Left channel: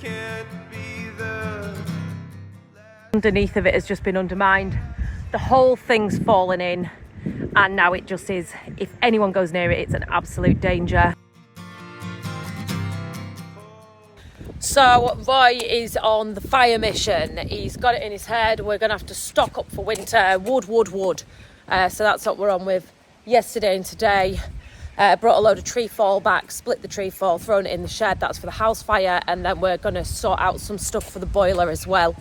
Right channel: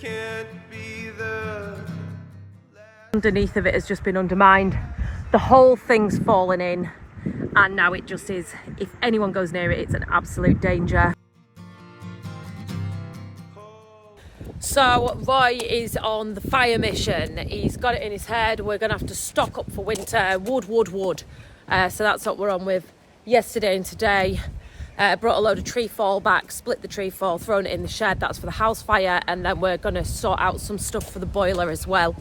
can't be the underneath of it has just been undermined. The whole thing's fallen in, and now it just is, if anyone goes near it, it's an absolute danger. So Roy is on the fire mission. He's got it in his head, we're gonna have to stock up for winter, wood. So that's what we're on with yesterday and today. Brought a load of tree fall back, split the tree fall, thrown it in the shed. That's for the house fire, and then we're gonna sort out some stuff for the boiler as well.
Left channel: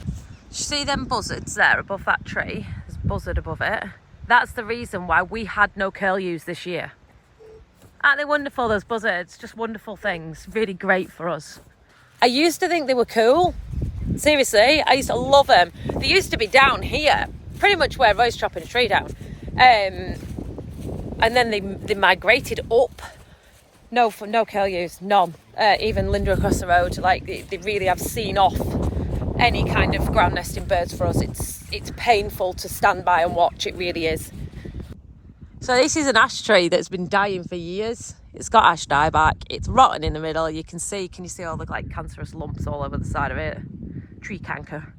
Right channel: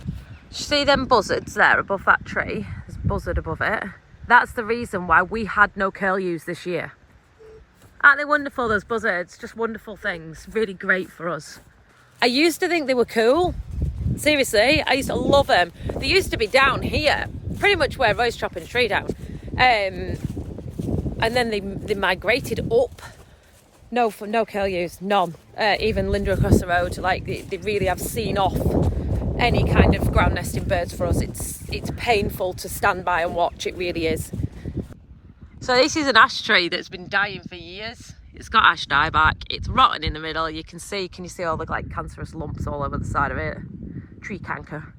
See them buzzards there above that tree? There's a buzzard above it. That's the reason why we had no curlews this year. Aren't they wonderful, those buzzards? Just wonderful things, really great for us. I used to think they were cool. Seriously, I used to love them. They used to be down here, pretty much where Roy's chopping a tree down. And then they migrated up. No curlews, none. Even Linda across the road, like they really have seen off any kind of ground nesting birds for us. It's painful to stand by and watch, it really is. So this is an ash tree that's been dying for years. It's got ash dieback. It's rotten in the middle. Can you see all the like cancerous lumps all over the side of it? Tree canker.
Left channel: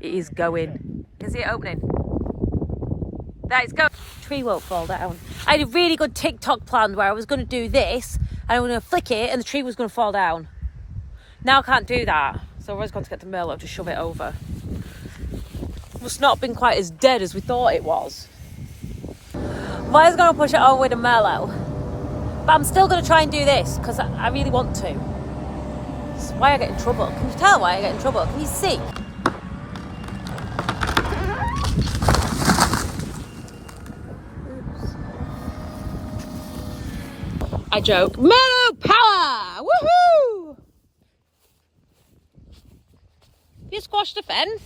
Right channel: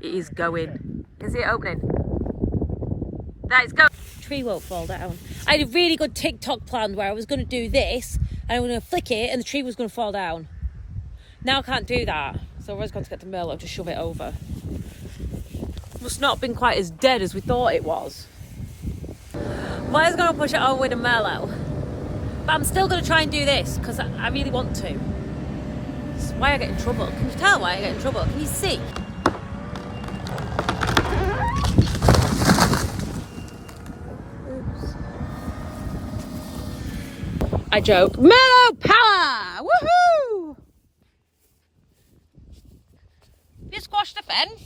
It is going. Is it opening? That is going. Tree won't fall down. I had a really good TikTok plan where I was going to do this and I was going to flick it and the tree was going to fall down. Now I can't do that. So we're just going to get to Merlo to shove it over. Must not have been quite as dead as we thought it was. Well, I was going to push it over with a Merlo. But I'm still going to try and do this because I really want to. It's why I get in trouble. Can you tell why I get in trouble? Can you see? I joke. Merlo power! Woohoo! You squashed the fence.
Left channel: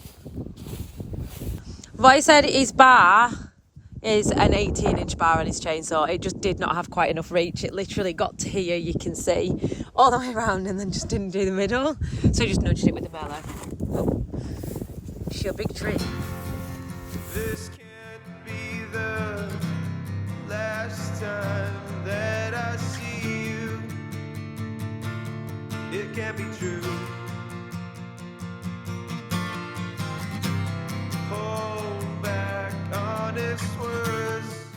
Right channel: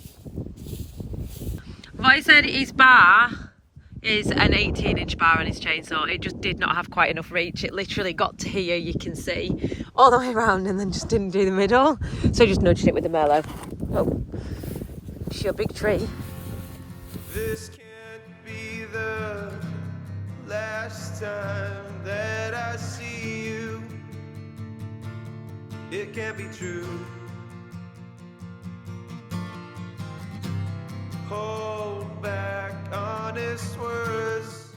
Roy said his bar is an 18-inch bar on his chainsaw. It just did not have quite enough reach. It literally got to here, you can see, all the way around and then just didn't do the middle. So I just nudged it with the Merlo. Oh, it's your big tree. This can't be the last time that I see you. It can't be true. Hold back honest words.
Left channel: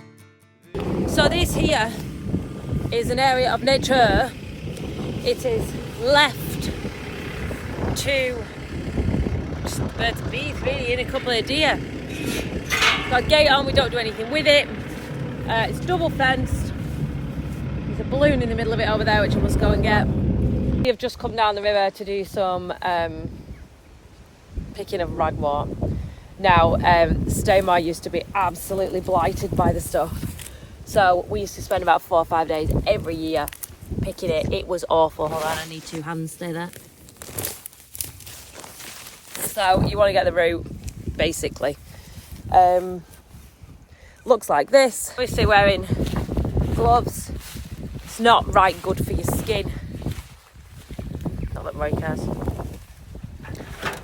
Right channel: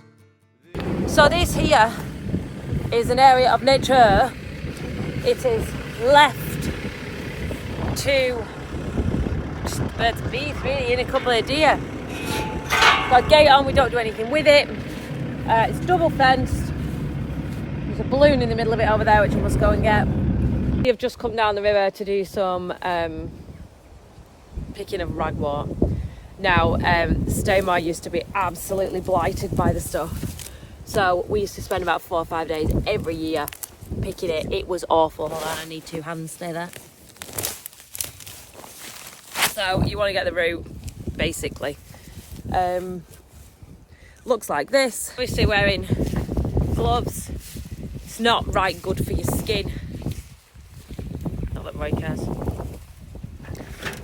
So this here is an area of nature. It is left to just birds and bees really, and a couple of deer. Got a gate on, we don't do anything with it. It's double fenced. There's a balloon in the middle of it over there which I must go and get. We have just come down the river to do some picking of ragwort. Now, Staymar used to be absolutely blighted by the stuff. So we used to spend about 4 or 5 days every year picking it. It was awful. Hold on, I need 2 hands, stay there. So you want to get the root, basically. Looks like this. Obviously wearing gloves. It's not right good for your skin. Not that Roy cares.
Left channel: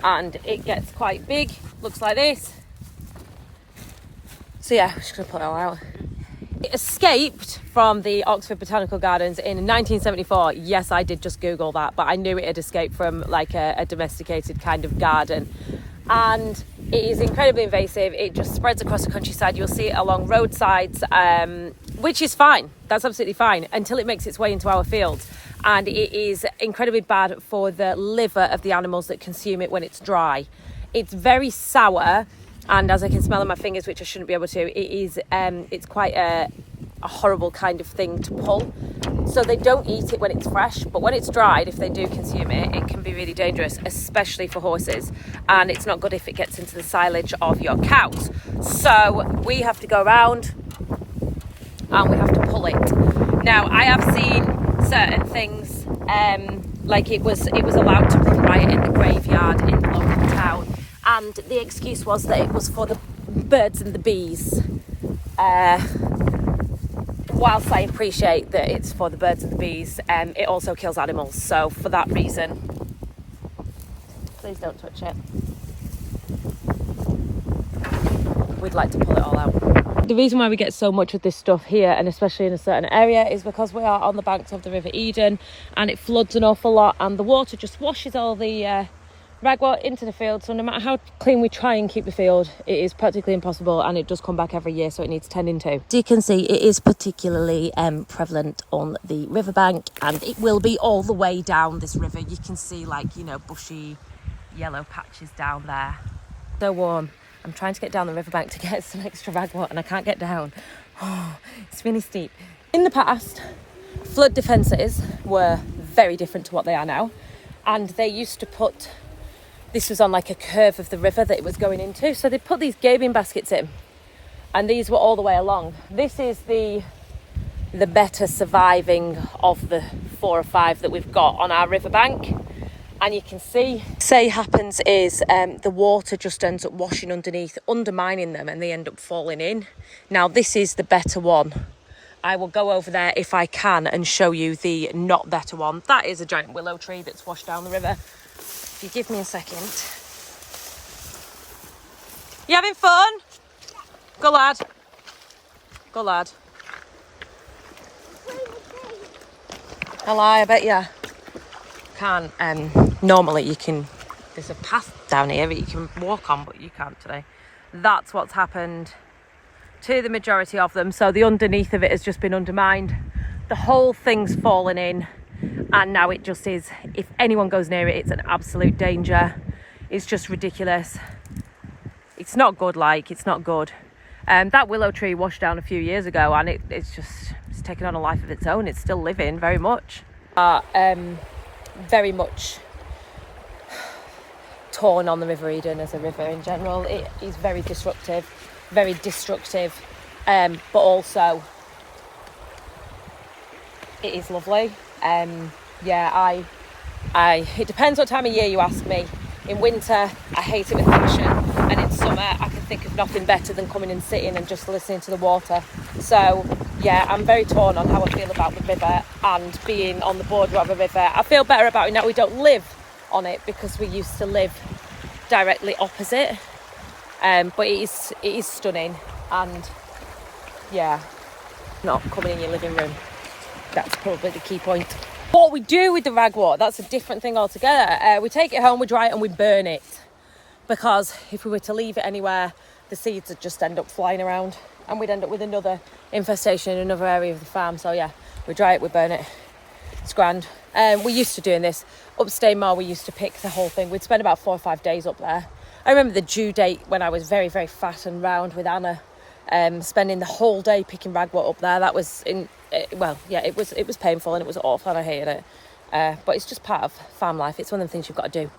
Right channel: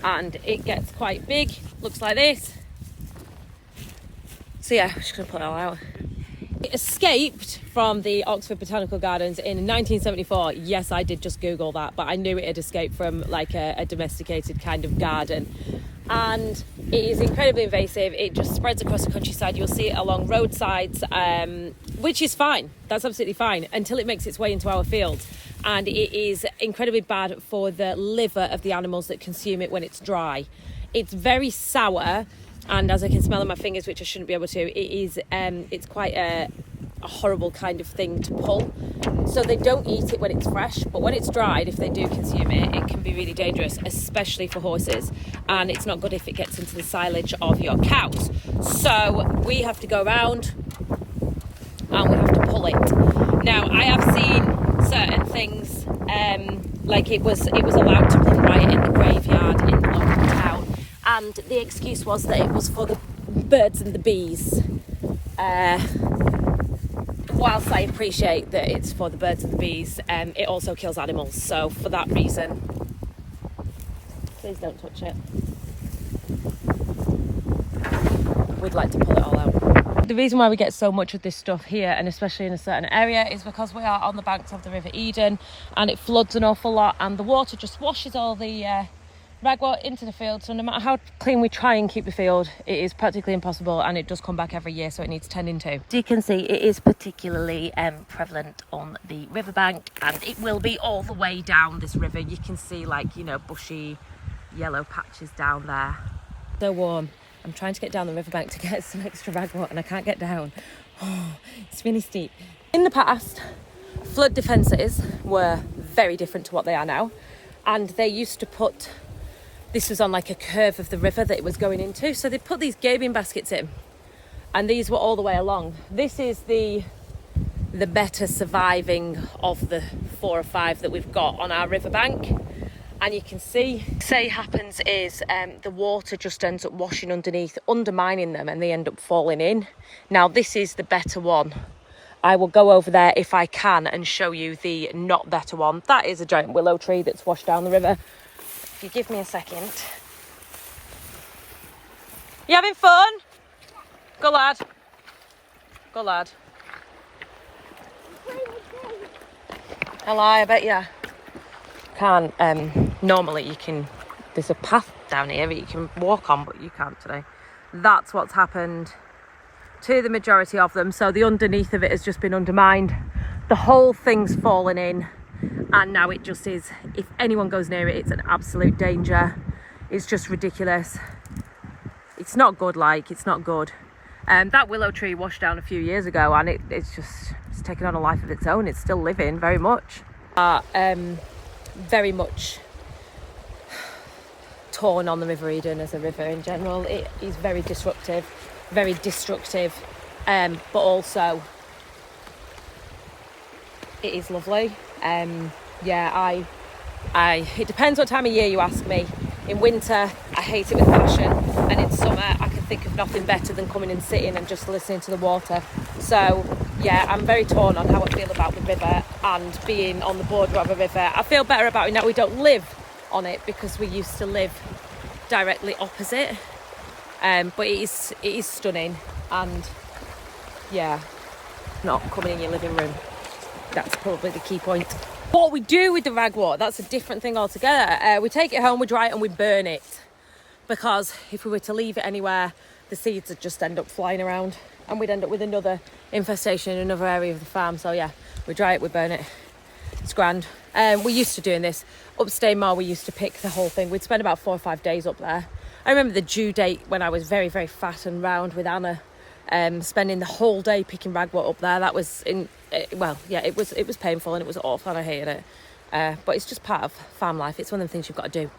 And it gets quite big. Looks like this. So yeah, I'm just gonna put it all out. It escaped from the Oxford Botanical Gardens in 1974. Yes, I did just Google that, but I knew it had escaped from like a domesticated kind of garden. And it is incredibly invasive. It just spreads across the countryside. You'll see it along roadsides, which is fine. That's absolutely fine until it makes its way into our fields. And it is incredibly bad for the liver of the animals that consume it when it's dry. It's very sour, and as I can smell on my fingers, which I shouldn't be able to, it's quite a horrible kind of thing to pull. So they don't eat it when it's fresh, but when it's dried, if they do consume it, it can be really dangerous, especially for horses. And it's not good if it gets into the silage of your cows. So we have to go around and we have to pull it. Now, I have seen certain things, like it was allowed to run riot in the graveyard in the local town. And the excuse was that it was for the birds and the bees. Whilst I appreciate that it's for the birds and the bees, it also kills animals. So for that reason, please don't touch it. We'd like to pull it all out. The reason why we get so much of this stuff here, and especially in a certain area, is because we are on the banks of the River Eden and it floods an awful lot, and the water just washes all the ragwort into the field. So no matter how clean we try and keep the field, it is practically impossible, and it does come back every year, so it needs tending to. As you can see, it is particularly prevalent on the riverbank, and it will be all the way down this river. You can see, like, you know, bushy yellow patches down there. So warm. I'm trying to get down the riverbank to get some extra ragwort, and I can't get down. Oh, it's really steep. In the past, flood defences were very different to what they are now, and they used to put, this was on like a curve of the river that it was going into, so they put these gaming baskets in, and these were all the way along. This is the better surviving of the 4 or 5 that we've got on our riverbank. And you can see, say happens is the water just ends up washing underneath, undermining them, and they end up falling in. Now this is the better one. I will go over there if I can and show you the not better one. That is a giant willow tree that's washed down the river. If you give me a second. You having fun? Go lad. Go lad. Hello, I bet ya. Can't normally you can, there's a path down here that you can walk on, but you can't today. That's what's happened to the majority of them. So the underneath of it has just been undermined, the whole thing's fallen in, and now it just is, if anyone goes near it, it's an absolute danger. It's just ridiculous. It's not good, like, it's not good. That willow tree washed down a few years ago, and it's taken on a life of its own. It's still living very much. Very much torn on the River Eden as a river in general. It is very disruptive, very destructive, but also it is lovely. Yeah, it depends what time of year you ask me. In winter, I hate it with passion, and in summer, I can think of nothing better than coming and sitting and just listening to the water. So yeah, I'm very torn on how I feel about the river and being on the border of a river. I feel better about it now we don't live on it, because we used to live directly opposite. But it is stunning, and yeah, not coming in your living room. That's probably the key point. What we do with the ragwort, that's a different thing altogether. We take it home, we dry it, and we burn it, because if we were to leave it anywhere, the seeds would just end up flying around, and we'd end up with another infestation in another area of the farm. So yeah, we dry it, we burn it. It's grand. We're used to doing this. Upstate Moor, we used to pick the whole thing. We'd spend about 4 or 5 days up there. I remember the due date when I was very, very fat and round with Anna, spending the whole day picking ragwort up there. That was well, yeah, it was painful and it was awful and I hated it. But it's just part of farm life. It's one of the things you've got to do.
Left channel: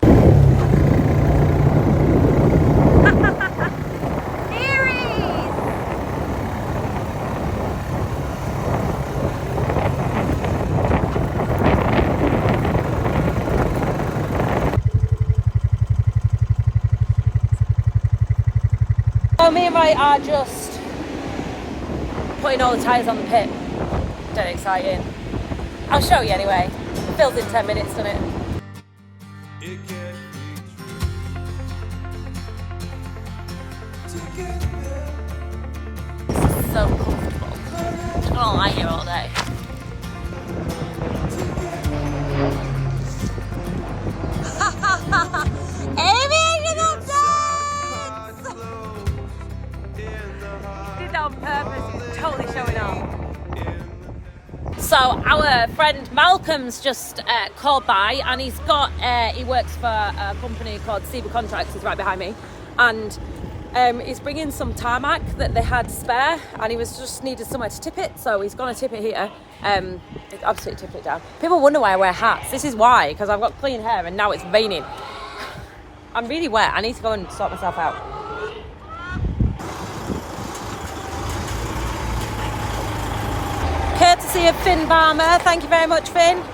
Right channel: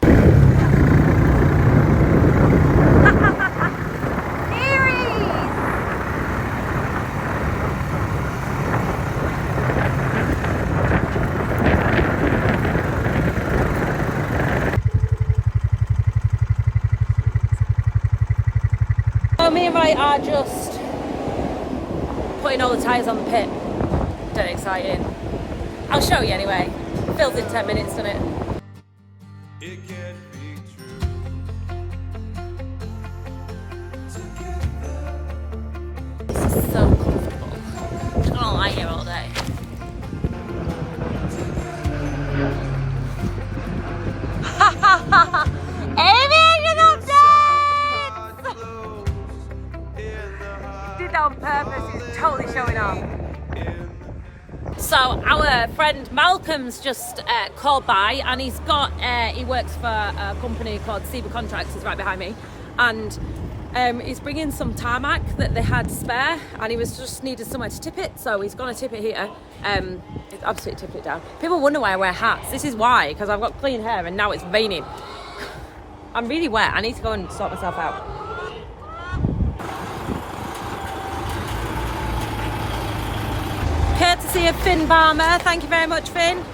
So me and Ray are just putting all the tyres on the pit. Dead exciting. I'll show you anyway. Fills in 10 minutes, doesn't it? It can't be true. This is so comfortable. I'm just gonna lie here all day. Aviation updates! Did that on purpose. It's totally showing off. So our friend Malcolm's just called by, and he's got he works for a company called Seba Contracts. He's right behind me, and he's bringing some tarmac that they had spare, and he was just needed somewhere to tip it, so he's gonna tip it here. Absolutely tip it down. People wonder why I wear hats. This is why, because I've got clean hair and now it's raining. I'm really wet. I need to go and sort myself out. Courtesy of Finn Barmer. Thank you very much, Finn.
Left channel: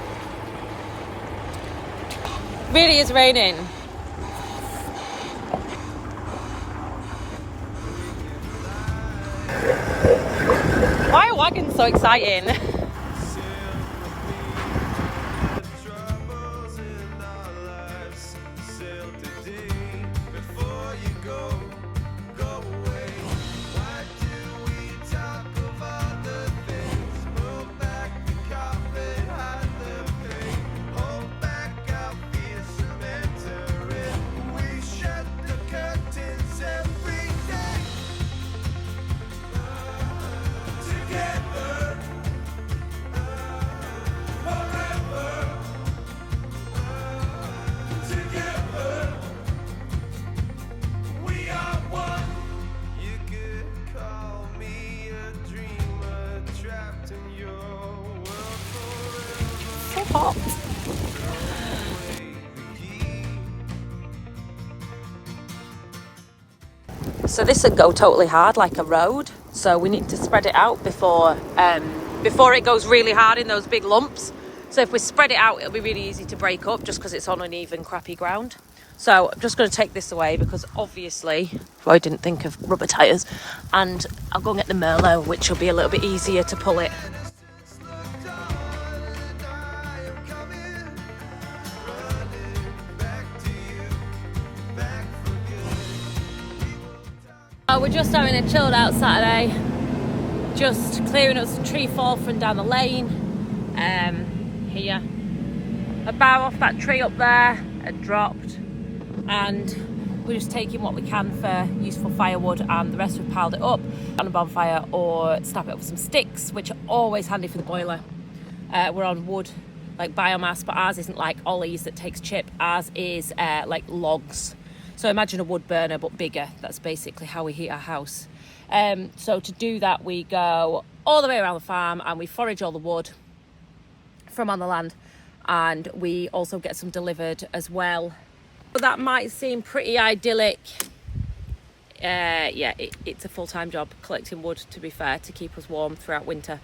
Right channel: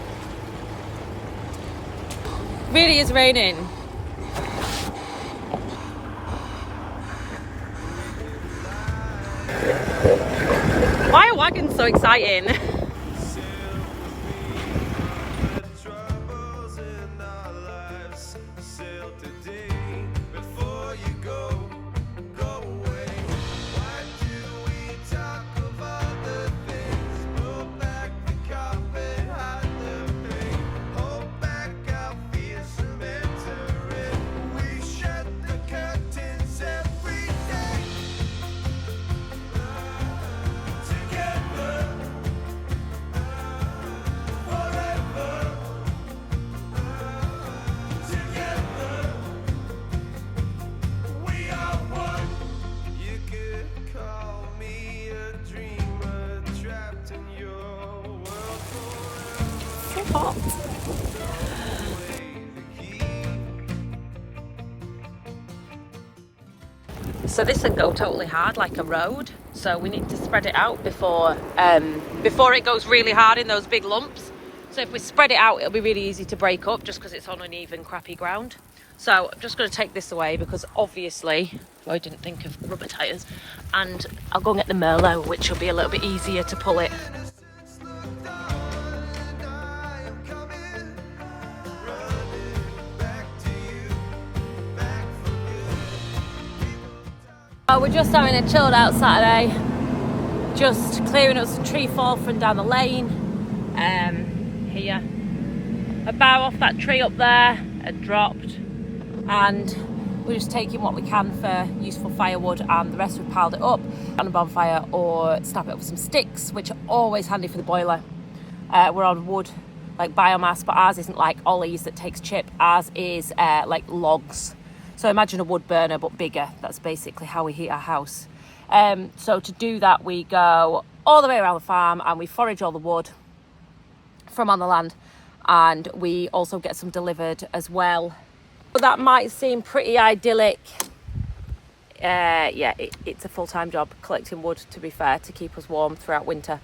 Really is raining. Why are wagons so exciting? call me a dreamer trapped in your world forever. So hot. Throw away the key. So this would go totally hard like a road. So we need to spread it out before it goes really hard in those big lumps. So if we spread it out, it'll be really easy to break up just because it's on uneven, crappy ground. So I'm just going to take this away because obviously I didn't think of rubber tyres. And I'll go and get the Merlo, which will be a little bit easier to pull it. We're just having a chilled out Saturday, just clearing up some tree fall from down the lane. Here, a bough off that tree up there had dropped, and we're just taking what we can for useful firewood, and the rest we've piled it up on a bonfire or snap it up with some sticks, which are always handy for the boiler. We're on wood, like biomass, but ours isn't like Ollie's that takes chip. Ours is like logs. So imagine a wood burner, but bigger. That's basically how we heat our house. So to do that, we go all the way around the farm and we forage all the wood from on the land. And we also get some delivered as well. So that might seem pretty idyllic. Yeah, it's a full-time job collecting wood, to be fair, to keep us warm throughout winter.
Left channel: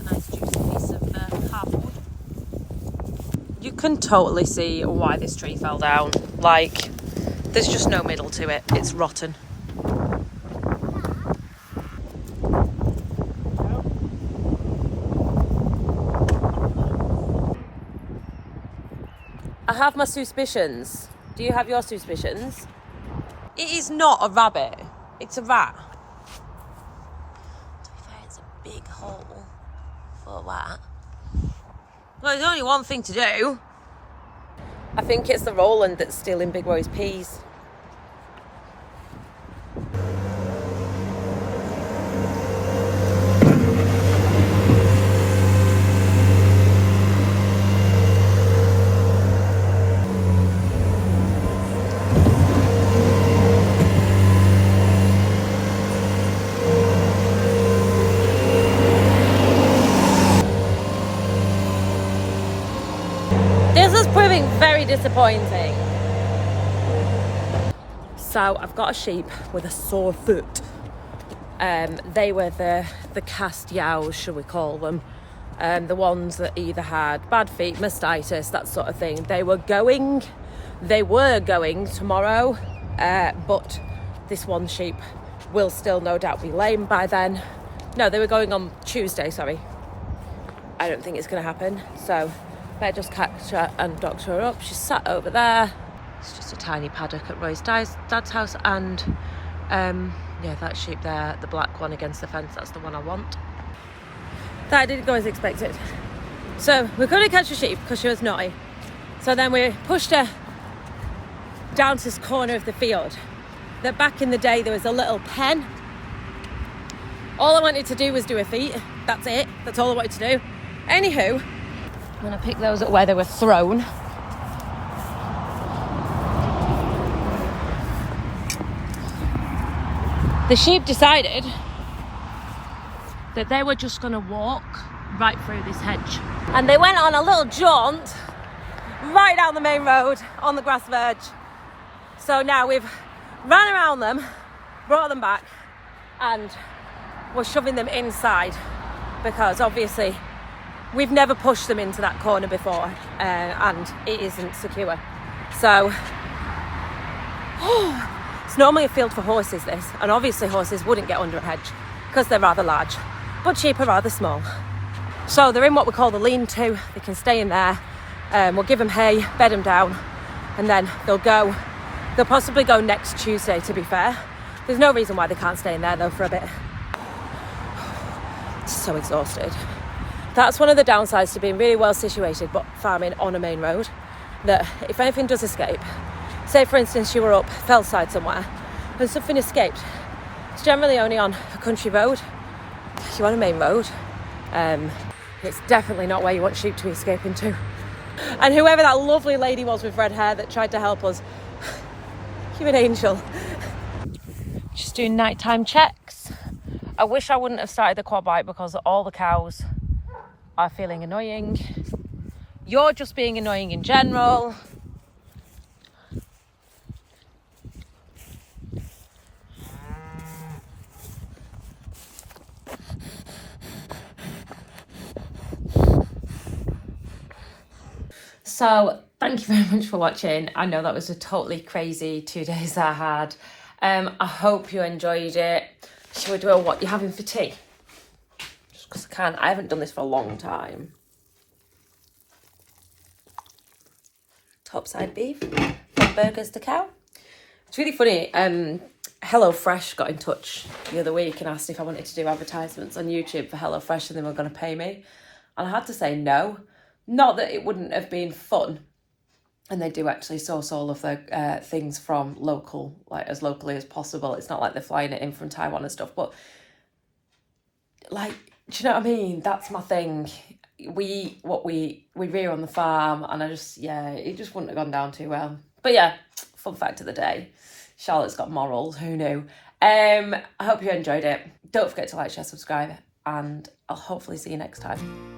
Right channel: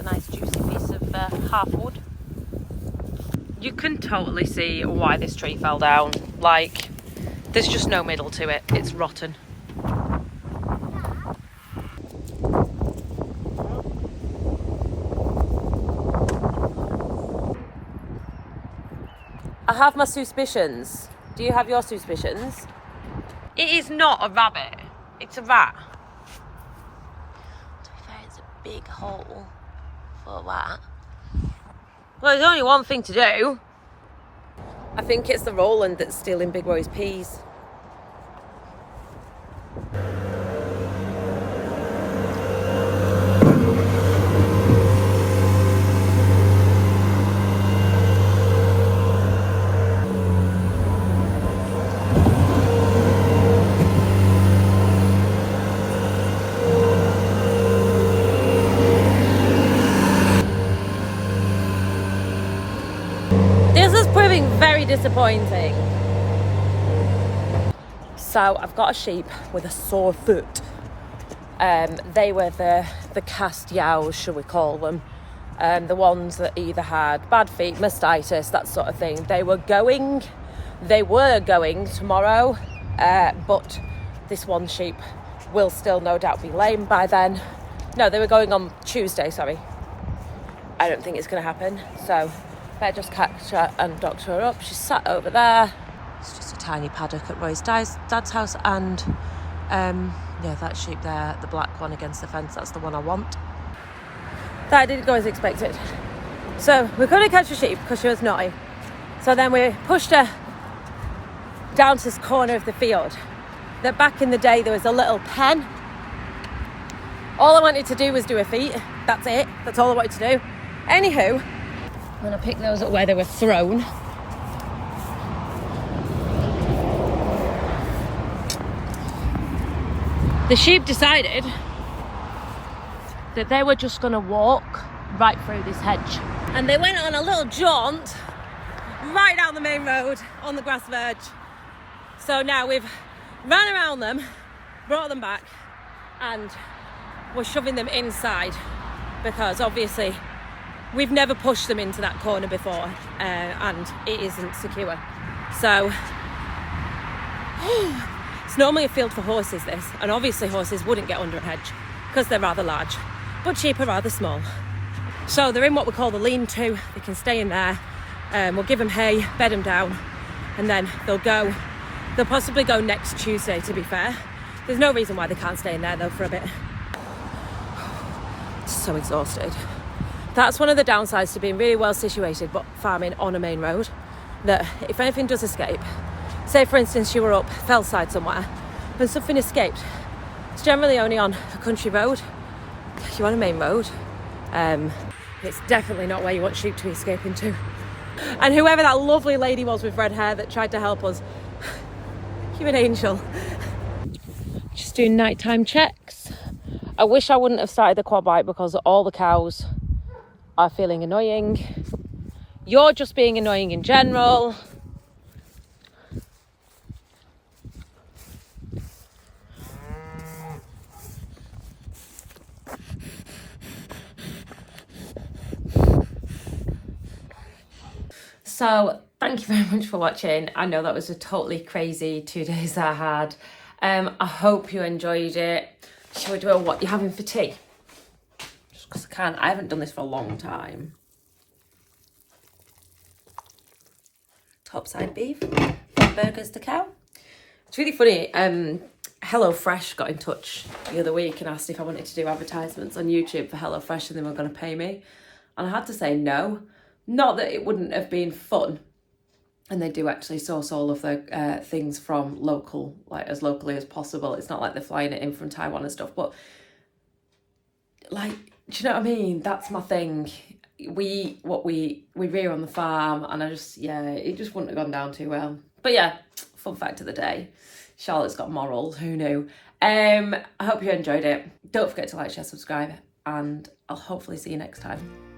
A nice juicy piece of half wood. You can totally see why this tree fell down. Like, there's just no middle to it. It's rotten. I have my suspicions. Do you have your suspicions? It is not a rabbit. It's a rat. To be fair, it's a big hole for a rat. Well, there's only one thing to do. I think it's the Roland that's stealing Big Roy's peas. This is proving very disappointing. So I've got a sheep with a sore foot. They were the cast yows, shall we call them. The ones that either had bad feet, mastitis, that sort of thing. They were going tomorrow, but this one sheep will still no doubt be lame by then. No, they were going on Tuesday, sorry. I don't think it's going to happen, so better just catch her and doctor her up. She's sat over there. It's just a tiny paddock at Roy's dad's house, and yeah, that sheep there, the black one against the fence, that's the one I want. That didn't go as expected. So we couldn't catch a sheep because she was naughty. So then we pushed her down to this corner of the field. That back in the day there was a little pen. All I wanted to do was do her feet. That's it. That's all I wanted to do. Anywho, I'm going to pick those up where they were thrown. The sheep decided that they were just going to walk right through this hedge. And they went on a little jaunt right down the main road on the grass verge. So now we've ran around them, brought them back, and we're shoving them inside because obviously we've never pushed them into that corner before, and it isn't secure. So it's normally a field for horses, this, and obviously horses wouldn't get under a hedge because they're rather large, but sheep are rather small. So they're in what we call the lean-to. They can stay in there. We'll give them hay, bed them down, and then they'll possibly go next Tuesday, to be fair. There's no reason why they can't stay in there though for a bit. So exhausted. That's one of the downsides to being really well situated but farming on a main road, that if anything does escape, say for instance you were up Fellside somewhere and something escaped, it's generally only on a country road. If you're on a main road, it's definitely not where you want sheep to be escaping to. And whoever that lovely lady was with red hair that tried to help us, you're an angel. Just doing nighttime checks. I wish I wouldn't have started the quad bike because all the cows are feeling annoying. You're just being annoying in general. So thank you very much for watching. I know that was a totally crazy 2 days that I had. I hope you enjoyed it. Shall we do a what you're having for tea? Just because I can. I haven't done this for a long time. Topside beef, from burgers to cow. It's really funny. HelloFresh got in touch the other week and asked if I wanted to do advertisements on YouTube for HelloFresh and they were going to pay me. And I had to say no. Not that it wouldn't have been fun. And they do actually source all of their things from local, like as locally as possible. It's not like they're flying it in from Taiwan and stuff. But like, do you know what I mean? That's my thing. We rear on the farm, and it just wouldn't have gone down too well. But yeah, fun fact of the day. Charlotte's got morals, who knew? I hope you enjoyed it. Don't forget to like, share, subscribe, and I'll hopefully see you next time.